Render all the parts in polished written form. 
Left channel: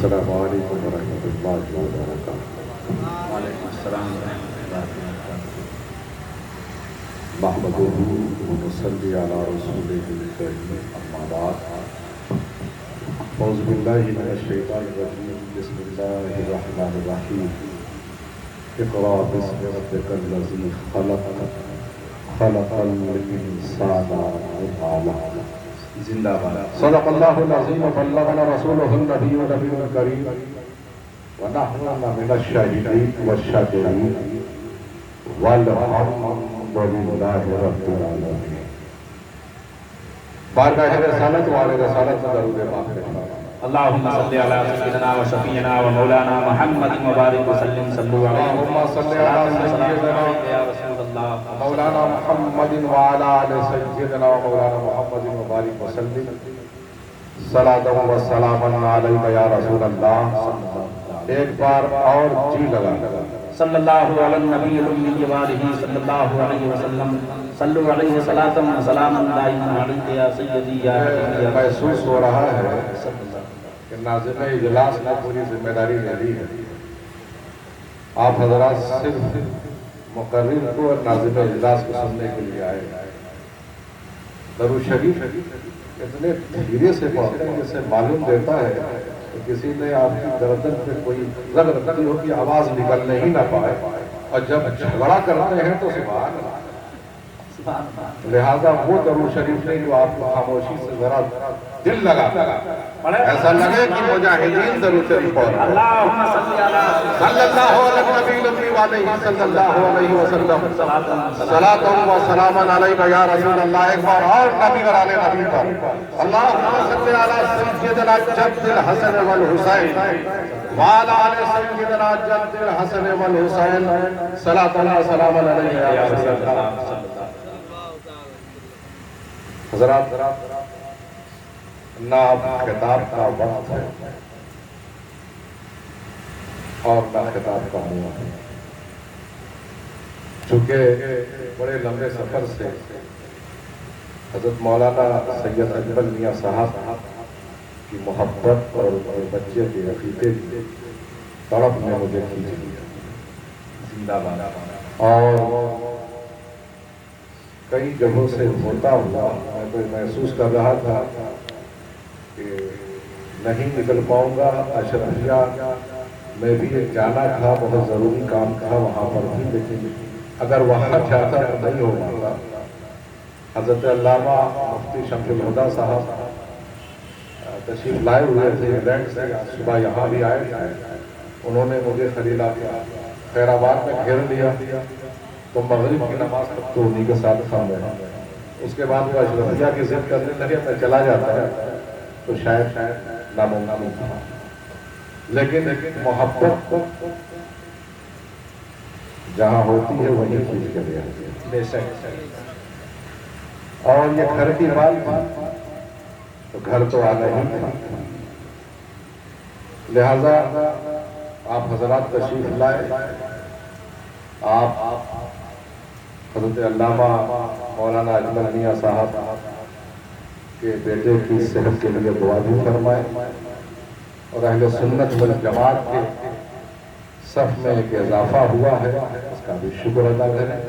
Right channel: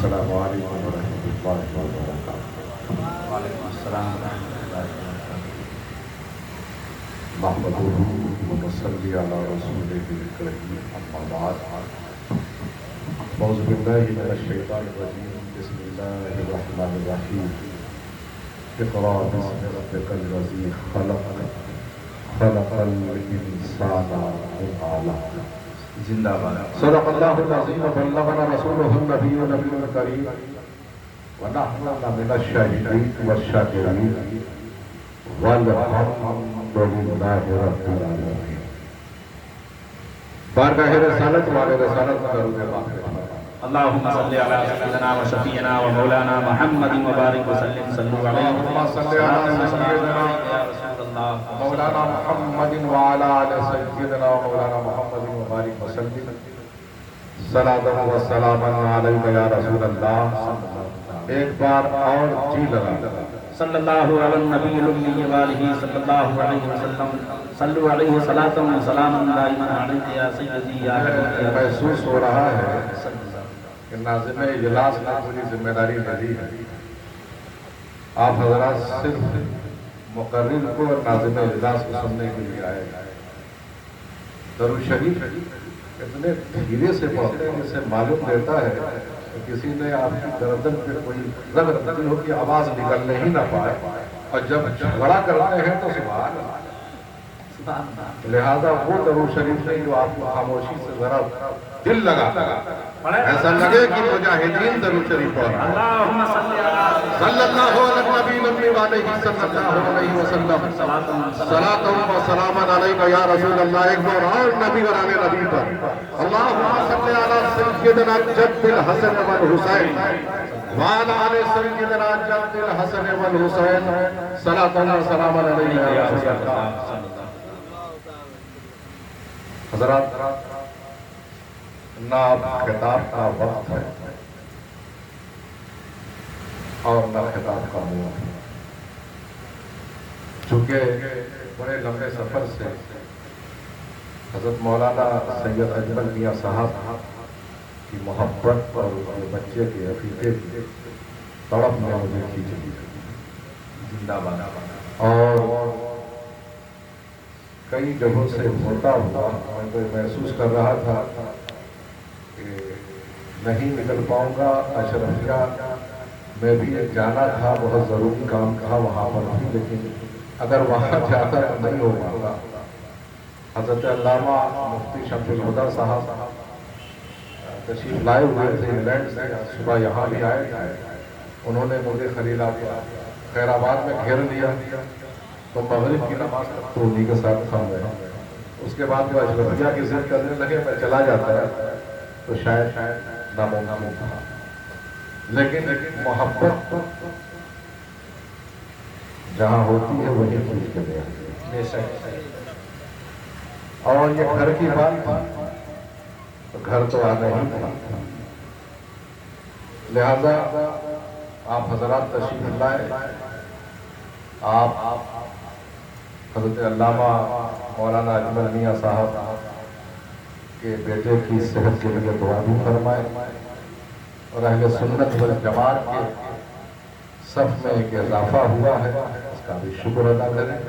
السلام علیکم ورحمۃ اللہ وبرکاتہ۔ وعلیکم السلام ورحمۃ اللہ وبرکاتہ۔ نحمدہ ونصلی علی رسولہ الکریم، اما بعد۔ اعوذ باللہ من الشیطان الرجیم، بسم اللہ الرحمن الرحیم۔ اقرأ باسم ربک الذی خلق، خلق الانسان من علق۔ زندہ باد۔ صدق اللہ العظیم وبلغنا رسولہ النبی الکریم ونحن من الشاہدین والشاکرین والحمد للہ رب العالمین۔ بارگاہ رسالت والے رسالت درود پاک رہنا۔ اللہم صلی علی سیدنا و شفیعنا و مولانا محمد مبارک وسلم، صلو علیہ اللہم صلی علی سیدنا یا رسول اللہ مولانا محمد وعلی آل سیدنا و مولانا محمد مبارک وسلم، صلاۃ و سلام علیک یا رسول اللہ۔ ایک بار اور جی لگا صلی اللہ علی النبی الامی وآلہ صلی اللہ علیہ وسلم، صلو علیہ صلاۃ و سلام دائما علیک یا سیدی یا حبیبی یا محسوس ہو رہا ہے کہ ناظم اجلاس نے پوری ذمہ داری لے لی ہے۔ آپ حضرات صرف مقرر کو اور ناظم اجلاس کو سننے کے لیے آئے گا۔ درود شریف اتنے دھیرے سے پڑھتے ہیں، جس سے معلوم دیتا ہے کہ کسی نے آپ کی گردن پہ کوئی رگ رکھتی ہو کہ آواز نکلنے ہی نہ پائے، اور جب جھگڑا کرتے ہیں تو سبحان اللہ۔ لہذا وہ درود شریف نہیں جو آپ کو خاموشی سے ذرا دل لگا ایسا لگے کہ مجاہدین درود شریف پڑھ رہے ہیں۔ اللہم صلی علی صلی اللہ علیہ نبی وعلیہ صلی اللہ علیہ وسلم، صلاۃ و سلام علیک یا رسول اللہ۔ ایک بار اور نبی گرانے نبی پر اللہم صلی علی سیدنا جد الحسن والحسین وعلی آل سیدنا جد الحسن والحسین، صلاۃ و سلام علیک یا رسول اللہ۔ حضرات، نہ خطاب کا وقت ہے اور نہ خطاب کا موقع ہے، چونکہ بڑے لمبے سفر سے حضرت مولانا سید اجمل میاں صاحب کی محبت اور بچے کے عقیدے کی طرف میں مجھے کھینچ لیا۔ زندہ باد۔ اور کئی جگہوں سے ہوتا ہوا میں محسوس کر رہا تھا کہ نہیں نکل پاؤں گا۔ اشرفیہ میں بھی جانا تھا، بہت ضروری کام تھا وہاں پر بھی، لیکن اگر وہاں جاتا نہیں ہو پاتا۔ حضرت علامہ مفتی شمس الہدیٰ صاحب تشریف لائے ہوئے تھے انگلینڈ سے، صبح یہاں بھی آئے تھے۔ انہوں نے مجھے خیر آباد میں گھیر لیا تو مغرب کی نماز تک تو انہی کے ساتھ تھا میں۔ اس کے بعد وہ اشرفیہ کی ضد کرنے لگے میں چلا جاتا ہے تو شاید ناممکن تھا، لیکن محبت جہاں ہوتی ہے وہیں کھینچ کے لے آتی ہے۔ بے شک۔ اور یہ گھر کی بات تو گھر تو آنا ہی تھا، لہذا آپ حضرات تشریف لائے۔ آپ حضرت علامہ مولانا اجمل میاں صاحب کے بیٹے کی صحت کے لیے دعا بھی فرمائے، اور اہل سنت والجماعت کے صف میں ایک اضافہ ہوا ہے، اس کا بھی شکر ادا کریں۔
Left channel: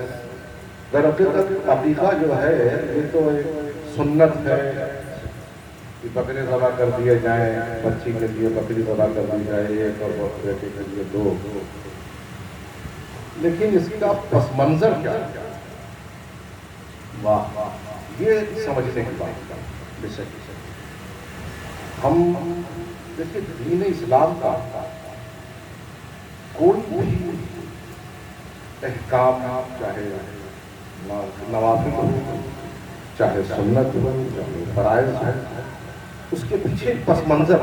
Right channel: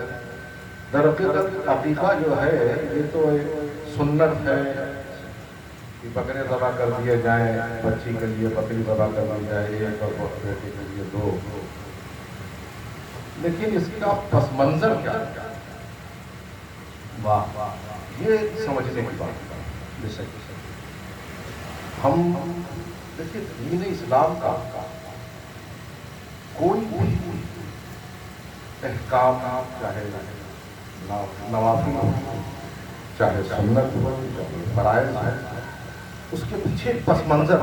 درحقیقت عقیقہ جو ہے یہ تو ایک سنت ہے کہ بکرے ذبح کر دیے جائیں، بچی کے لیے بکری ذبح کر دی جائے ایک، اور بیٹے کے لیے دو، لیکن اس کا پس منظر کیا ہے؟ واہ، یہ سمجھنے کی بات ہے۔ ہم دیکھیں دین اسلام کا کوئی بھی احکام، چاہے نوافل ہو، چاہے سنت ہو، چاہے فرائض ہو، اس کے پیچھے پس منظر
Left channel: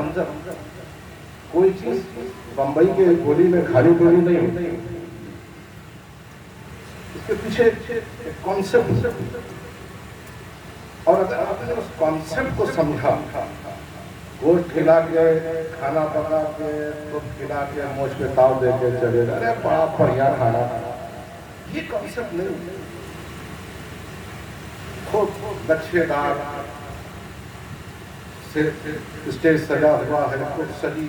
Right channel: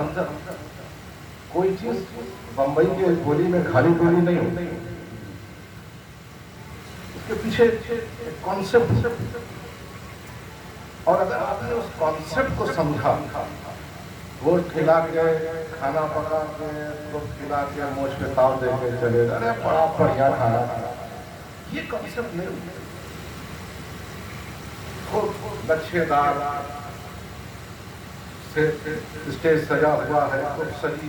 کوئی چیز بمبئی کے گولی میں کھالی گولی نہیں ہوتی، اس کے پیچھے کانسیپٹ، اور اگر آپ نے اس کانسیپٹ کو سمجھا، گوشت کھلا کے، کھانا پکا کے، خود کھلا کے، موچھ پہ تاؤ دے کے چلے جانا، بڑا بڑھیا کھانا، یہ کانسیپٹ نہیں۔ خود نقشے دار سے اسٹیج سجا ہوا ہے، خوب سجی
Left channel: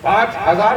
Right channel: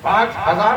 5000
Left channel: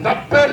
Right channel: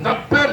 90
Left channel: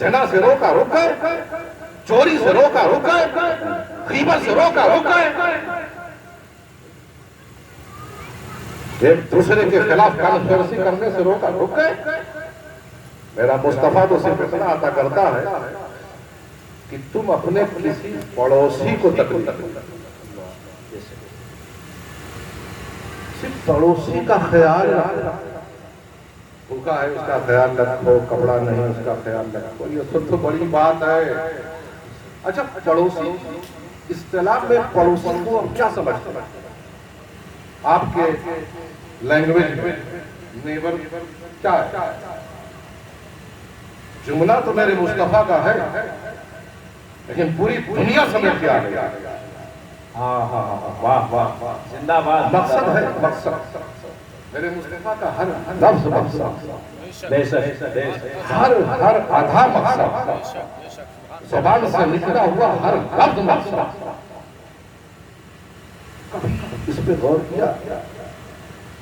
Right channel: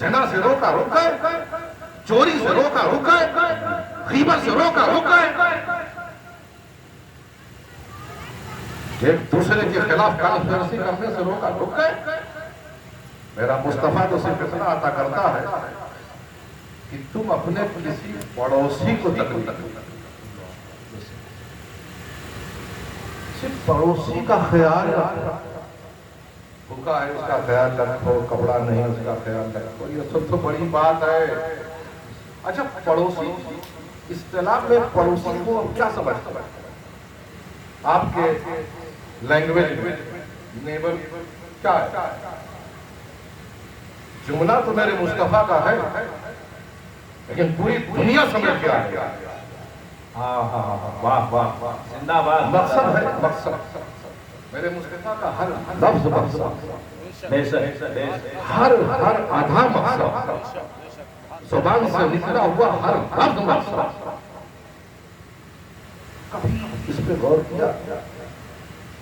زنا سے روکا رک گئے، چوری سے روکا رک گئے، غیبت سے روکا رک گئے، ایک دوسرے کے خلاف کانسپریسی کرنے سے روکا رک گئے۔ میرا مصطفیٰ تو صرف اتنا عطا کرتا ہے کہ تم اپنے کسی پڑوسی کو تکلیف صرف پڑوسی کا خیال رکھو، بھوکا ہے اس کا خیال رکھو، کپڑا نہیں اس کا خیال رکھو، یہ سب تو بڑی بات ہے۔ اچھا پڑوسی اصطلاح میں پڑوسی کو اب کیا سمجھتے ہیں آپ کے لینگویج میں؟ نیبر کیا ہے؟ جملہ تو میرے مصطفیٰ کا ہے لیکن پوری دنیا سمجھ کے آ گیا۔ واہ واہ واہ، زندہ باد۔ مقصد ہے، مقصد میرے مصطفیٰ کا ہر لفظ مقصد، ہر آدھا مقصد، زبان سے نکلا ہوا ہر لفظ مقصد۔ کبھی اس پہ غور کیا؟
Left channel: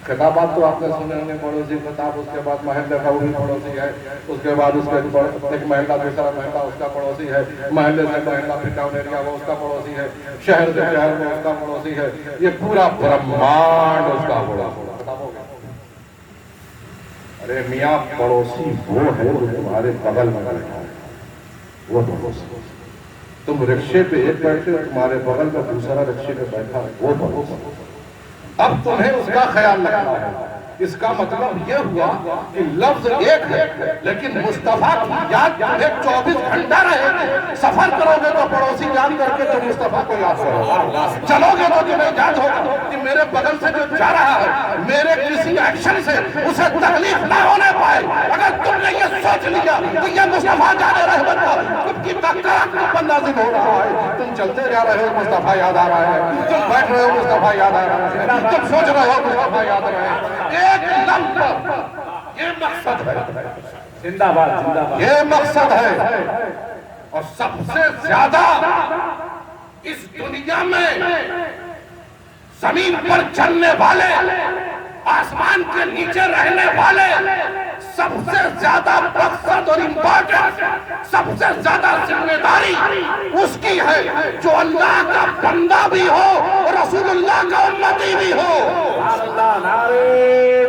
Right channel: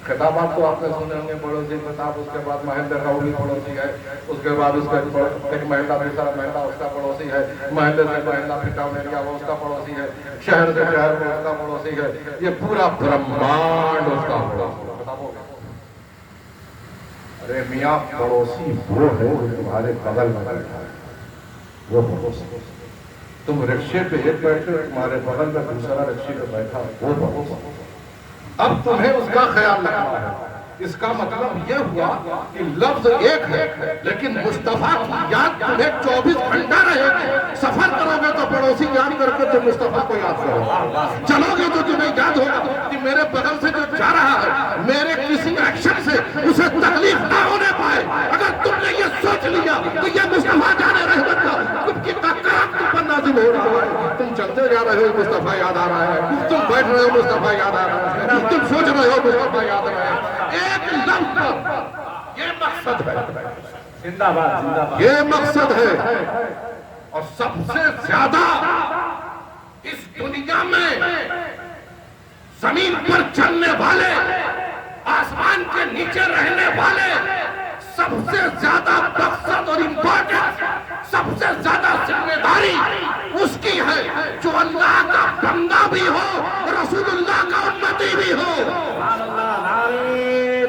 خطابات تو آپ نے سنے ہوں گے، پڑوسی خطاب، اس کے بعد محلہ کا وہی پڑوسی ہے، اس کے بعد اس کے ایک محلہ دوسرا محلہ اس کا پڑوسی ہے، محلے سے محلہ پھر ٹاؤن ایریا وہ اس کا پڑوسی ہے، شہر سے شہر میں اس کا پڑوسی ہے، یہ پورا برہمانڈ اس کا پڑوسی ہے۔ ارے میاں پڑوسی وہ ہے جو تمہارے بغل میں بیٹھا ہے، وہ پڑوسی۔ تم رکشے پہ ایک بیٹھے اور تمہارے بغل میں دوسرا رکشے پہ بیٹھا ہے، وہ پڑوسی۔ اب تمہیں اس کا خیال رکھنا ہے۔ اس کا مطلب یہ ہوا کہ لفظ ایک ہے لیکن مصطفیٰ کی یاد تمہیں 24 گھنٹہ رہے گی۔ سفر کرو گے تو پڑوسی یاد کر کے تم مصطفیٰ کو یاد کرو، چلو گے تو تمہیں یاد ہوگا کہ میرے بغل سے جو جا رہا ہے میرے کسی ایکشن سے اسے تکلیف نہ ہونے پائے۔ اگر تم نے یہ سوچ لیا کہ یہ مصطفیٰ جان رحمت کا تم کی تکرار پر نازل ہو رہا ہے، تم چلتے جا رہے ہو مصطفیٰ یاد آ رہا ہے، تم بیٹھ رہے ہو مصطفیٰ یاد آ رہا ہے، تم سوچ رہے ہو مصطفیٰ یاد آ رہا ہے۔ ایک لفظ، یہ مقصد ہے، زندہ باد زندہ باد، یہ مقصد ہے۔ اور سب سے زیادہ اس دنیا میں زمین پر چلنے والے، آسمان کے نیچے رہنے والے، سب سے زیادہ مقصد اور امپورٹنس، سب سے زیادہ ذمہ داری اس کی ہے جو اللہ کا بندہ بھی ہو اور رسول اللہ کا امتی بھی ہو۔ نعرہ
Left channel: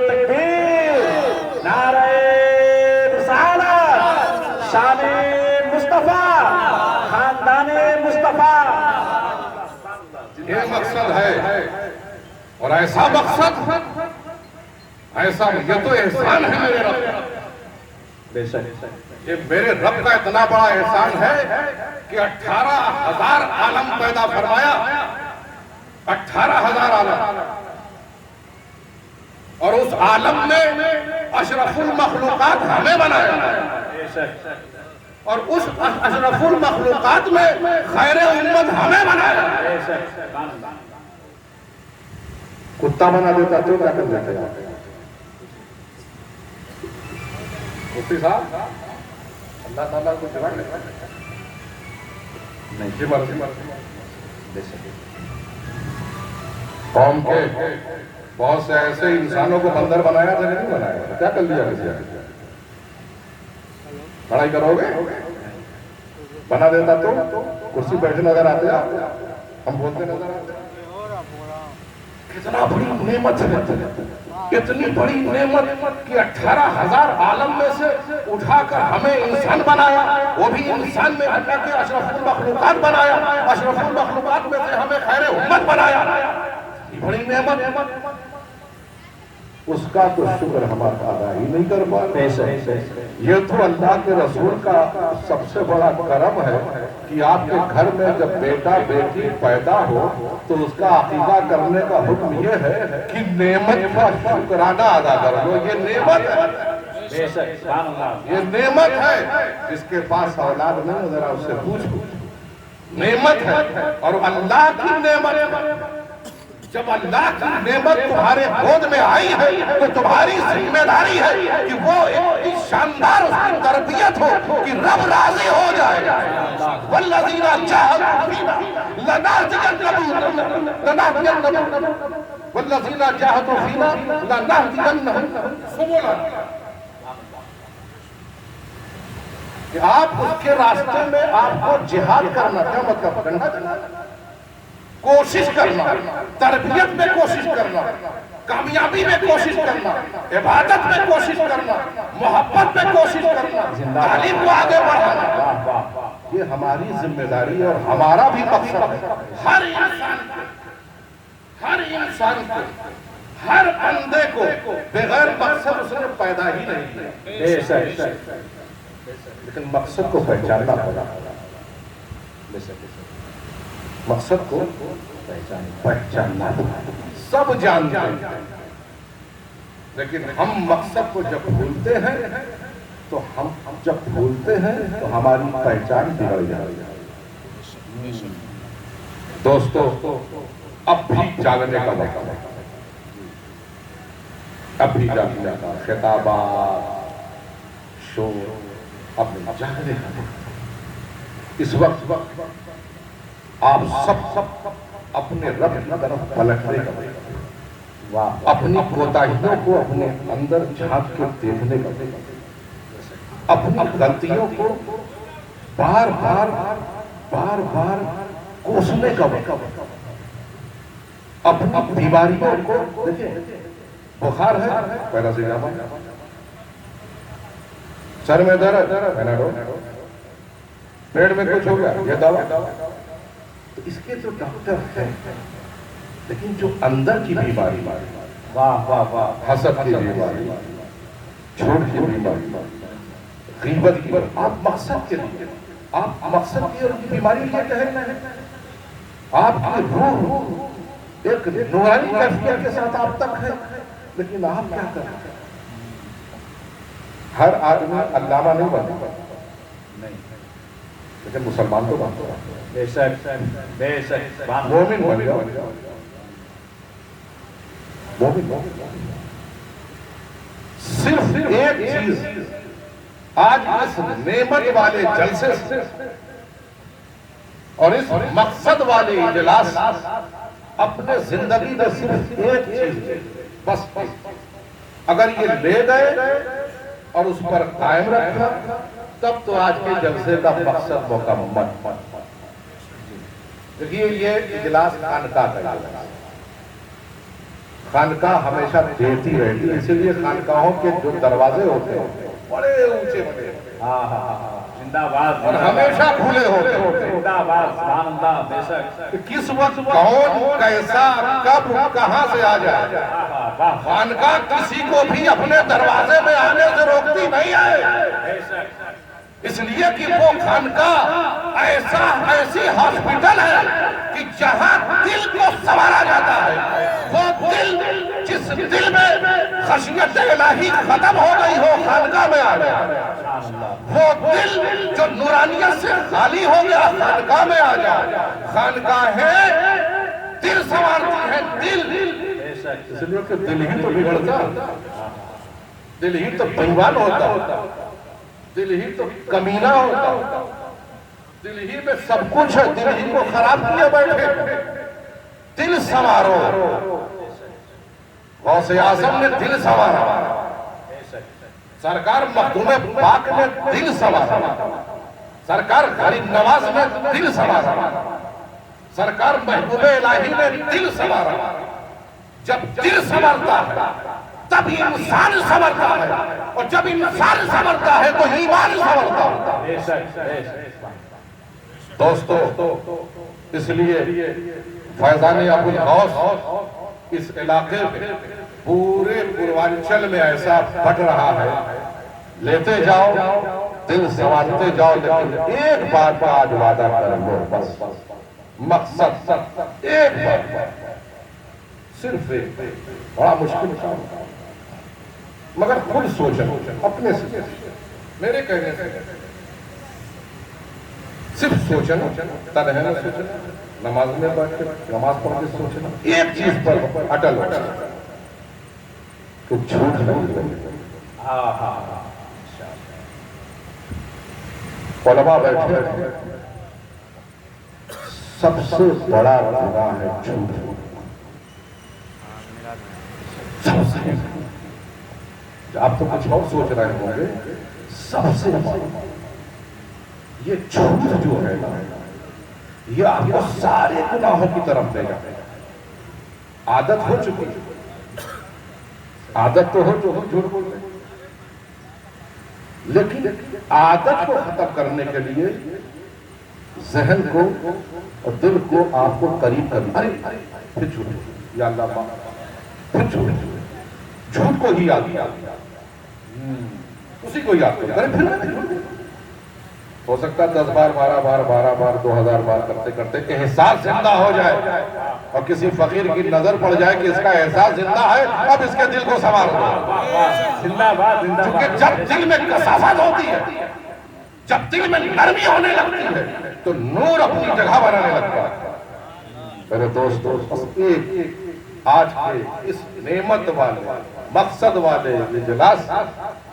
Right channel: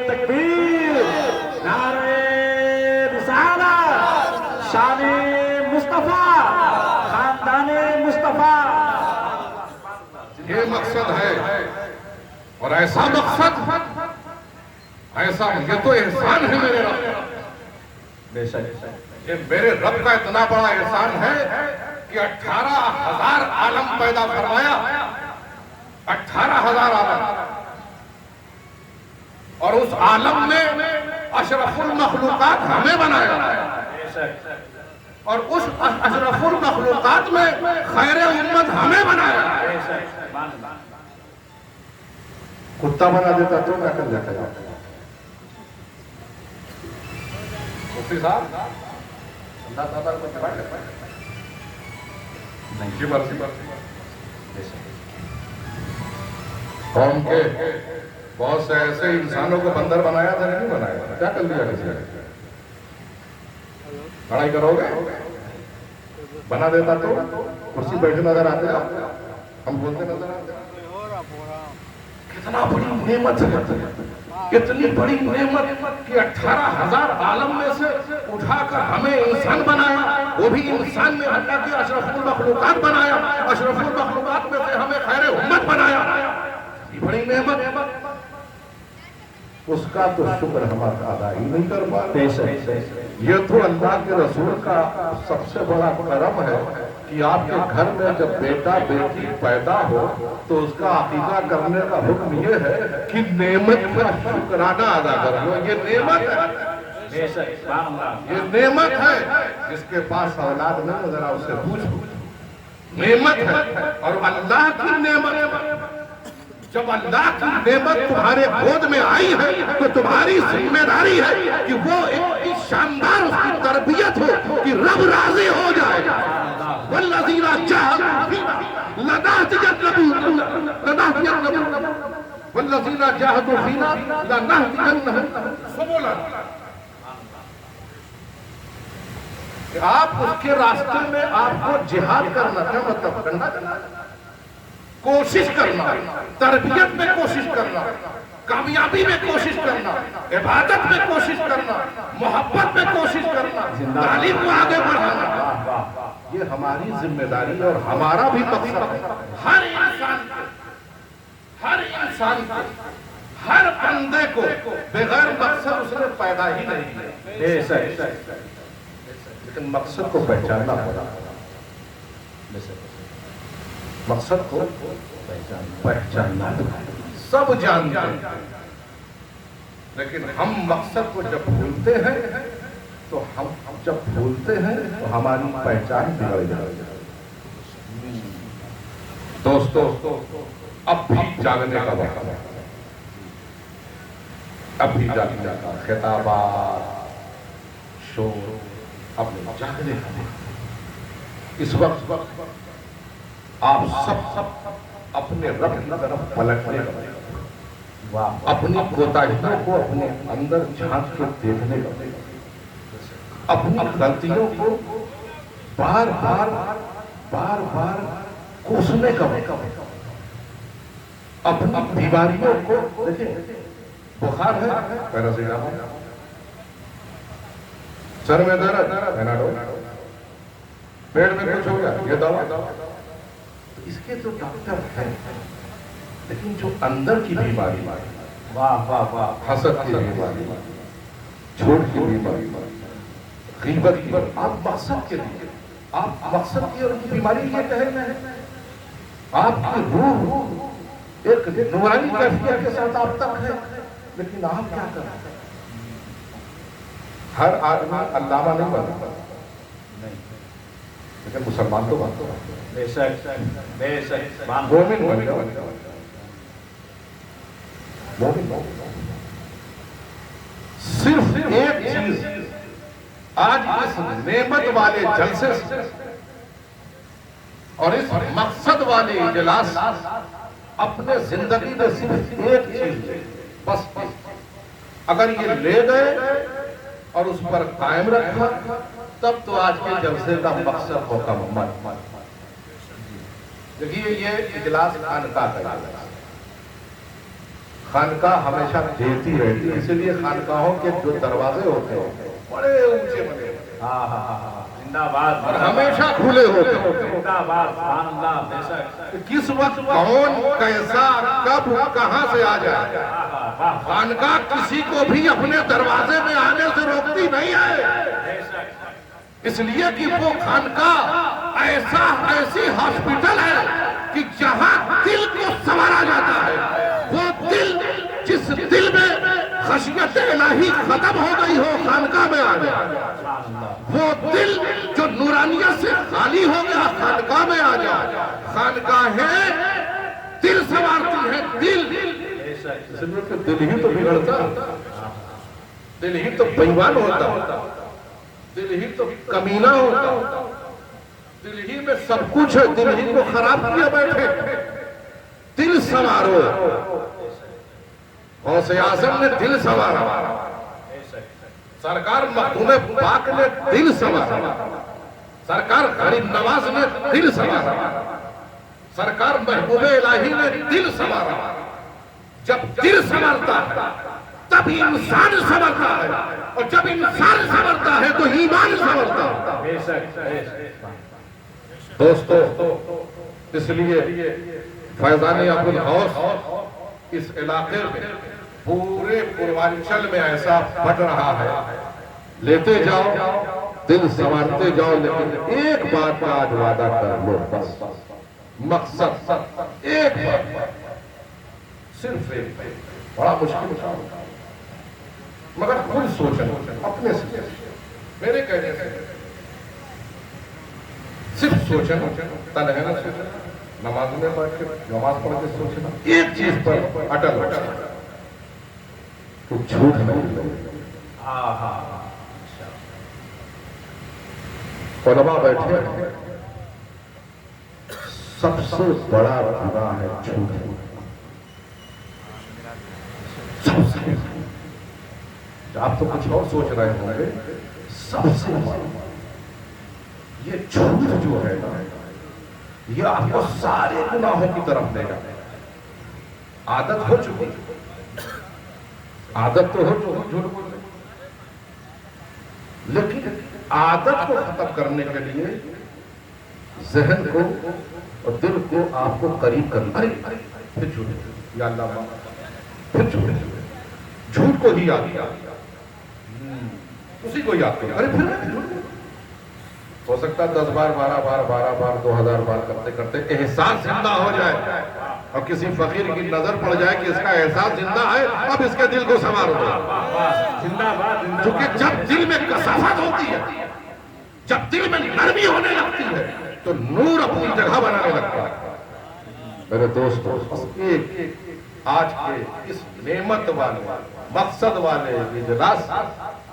تکبیر، نعرہ رسالت، شان مصطفیٰ، خاندان مصطفیٰ، یہ مقصد ہے۔ اور ایسا مقصد، ایسا یہ تو احسان ہے میرے رب، بے شک یہ میرے رب کا اتنا بڑا احسان ہے کہ 18,000 عالم پیدا فرمایا، 18,000 عالم، اور اس عالم میں اشرف المخلوقات ہمیں بنایا، اور اس اشرف المخلوقات میں خیر امت ہمیں بنایا۔ کتا بنا دیتا تو کیا کر لیتا؟ مفتی صاحب اللہ تعالیٰ کو چلا لیتا قوم کے بہت سے ایسے انسانوں کو بندر بنایا تھا، نہیں بنایا، کیا کر لیا ویسے؟ پڑھائی کرو گے؟ بنا دیتا تو کرسی بیٹھے نظر آتے آپ، ہم بولتے نظر آتے۔ کتنا بڑی نعمت ہے، کتنی بڑی نعمت کہ 18,000 عالم میں سے اٹھا کر ہمیں انسان بنایا، وہ بھی انسان میں اللہ کے اشرف المخلوقات بنایا، اشرف المخلوقات میں سے ہمیں خیر امت بنایا۔ بڑی نعمت، اس کا تو شکر ہم ادا ہی نہیں کر پاتے۔ یہ تو اللہ کے رسول کا سب سے بڑا کرم ہے کہ آپ کے گھر میں جب بیٹا بیٹی پیدا ہو تو اس کا عقیقہ کرنے کا حکم یہ ہے کہ نعمت کا شکرانہ ادا کرو۔ یہ نعمت ہے، یہ نعمت ہے۔ جس کے پاس اولاد نہیں ہے ذرا اس سے پوچھو، نعمت ہے۔ اور اللہ کی نعمت، جب اللہ کی نعمت تمہارے گود میں آئی ہے تو تمہاری ذمہ داری ہے کہ وہ ایک شاندار اس کی تربیت ہو کہ رب راضی ہو جائے۔ والذین جاہدوا فینا لنہدینہم، والذین جاہدوا فینا لنہدینہم سبلنا۔ کہ آپ اس کے راستے میں آپ کو جہاد کرنا تھا، مطلب کرنا، کوشش کرنا، تربیت میں کوشش کرنا، کامیابی میں کوشش کرنا، عبادت میں کوشش کرنا، محبت میں کوشش کرنا، تعلیم کو آگے بڑھانا، یہ ہماری ذمہ داری اور ہمارا بھی مقصد ہے۔ ہر انسان کو، ہر بندے کو بغیر مقصد اس نے پیدا ہی نہیں کیا، لیکن مقصد کو پہچاننا پڑا، مقصد کو پہچاننا پڑا۔ سب جانتے ہیں، لیکن ہم مقصد کو جب بھولتے ہیں تو ہماری پہچان بگڑ جاتی ہے۔ دوستو، اب بھی جاگنے کا وقت ہے، اب بھی جاگنے کا، خطابات، شور، اب جاگنے کا وقت۔ اس وقت آپ سب اپنے رب کی طرف پلٹنے کا وقت، اپنی کوتاہیوں کو اپنے اندر جھانک کے دیکھنے کا، اپنی غلطیوں کو بار بار کوسنے کا وقت، اپنی بیماریوں کو دیکھیں، بخار ہے پیراسیٹامول، سر میں درد پیناڈول، پیٹ میں کچھ ہو گیا یہ دوا، تو اس کے جو ڈاکٹر ہیں، لیکن جو اندر کی بیماری، حسد کی بیماری، جھوٹ کی بیماری، غیبت کی بیماری، آپ مقصد کے لیے، آپ مقصد کی اور بیماری کے تحت میں ہیں، آپ کی روح ایک نورانی کیفیت کے ساتھ آپ تک ہے، لیکن آپ کیا کر رہے ہیں؟ ہر آدمی علامہ نہیں بنتا، لیکن مسلمان تو بنتا ہے، بے شک مومن بن جاؤ، صرف ایک چیز آج اس نعمت والے جلسے سے اور اس مقصد والے اجلاس اپنے زندگی میں صرف ایک چیز بس، اگر یہ لے گئے اور اس پر قائم رکھا، تب تو آج کے جلسے کا مقصد مکمل۔ دیکھیے، یہ اجلاس خانقاہ کا اجلاس، خانقاہ ہمیشہ دیتی رہتی ہے، اسی لیے خانقاہوں کے جو دروازے ہوتے ہیں بڑے اونچے بڑے، اور ہمیشہ کھلے ہوتے ہیں، کس وقت کون کیسا کب کہاں سے آ جائے، خانقاہ کسی کو بھی اپنے دروازے میں آنے سے روکتی نہیں ہے، اس لیے کہ وہ خانقاہ ایسی ہاسپٹل ہے کہ جہاں دل کو سنوارا جاتا ہے، وہ دل جس دل میں خشیت الہی ختم ہو گئی ہو خانقاہ میں آ جائے، وہ دل جو نورانیت سے خالی ہو گیا خانقاہ میں آ جائے۔ خانقاہیں دل سنوارتی ہیں، دل، اس لیے کہ دل ہی تو بگڑتا، دل ہی تو بےایمان ہوتا، دل ہی تو کمینہ ہوتا، دل ہی میں سب کچھ ہے، دل ہی کو خراب کیے بیٹھے۔ دل سنوارو، غوث اعظم نے دل سنوارا، سرکار مخدوم پاک نے دل سنوارا، سرکار غریب نواز نے دل سنوارا، سرکار محبوب الہی نے دل سنوارا۔ جب دل سنورتا ہے تب انسان سنورتا ہے، اور جب انسان سنورتا ہے تو ایمان سنورتا ہے۔ دوستو، اس لیے فیضان ابو الغوث اس علاقے میں پورے پوروانچل میں ایسا بڑھ رہا ہے، لیتے جاؤ، دل سنوارتے جاؤ، لیکن ایک بات کا آج وعدہ کر لو، بس مقصد ایک بات، صرف ایک، بڑا مشکل تھا مگر خود سوچنا اپنے سے، میرے کہنے سے صرف سوچنا، تنہا نہ سوچنا، نماز میں پڑھ کے، نماز پڑھ کے سوچنا، ایک چیز پر اٹل ہونا کہ جھوٹ نہیں بولنا۔ علماء بیٹھے ہیں، سب سے بڑا گناہ ہے جھوٹ بولنا، سب سے، آپ تو کچھ اور سوچ رہے ہوں گے، سب سے یہ جھوٹ جو ہے نا یہ آپ کو سارے گناہوں کی طرف لے جائے. عادت ہو چکی ہے، عادت تو ہو چکی جھوٹ بولنے، لیکن عادت کو ختم کرنے کے لیے ذہن کو اور دل کو آپ کو قریب کرنا. پھر جھوٹ، یا اللہ معاف، پھر جھوٹ کو ہی یاد کیا، اسی کو یاد کرو. ارے پھر ہو سکتا ہے 10 بار 12 بار 12 بار 2000 بار کرتے کرتے احساس زندہ ہو جائے اور کسی فقیر کی نظر پڑ جائے کہ اس کا احساس زندہ ہے، اب اس کے دل کو سنوارو. زندہ باد زندہ کیونکہ جب دل میں کثافت ہوتی ہے، جب دل میں نرمی ہونے لگتی ہے تو نور اپنی جگہ بنانے لگتا ہے. میرے دوستو، ایک آج کے اس نعمت والے مقصد والے اجلاس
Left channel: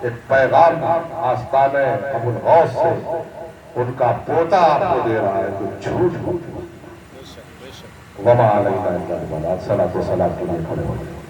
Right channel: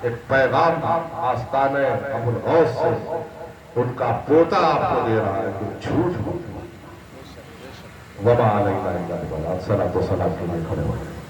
ایک پیغام آستانِ ابو الغوث سے ان کا پوتا آپ کو دے رہا ہے کہ جھوٹ ہوتی ہے. وما علینا الا البلاغ. الصلاۃ والسلام علیہ وسلم.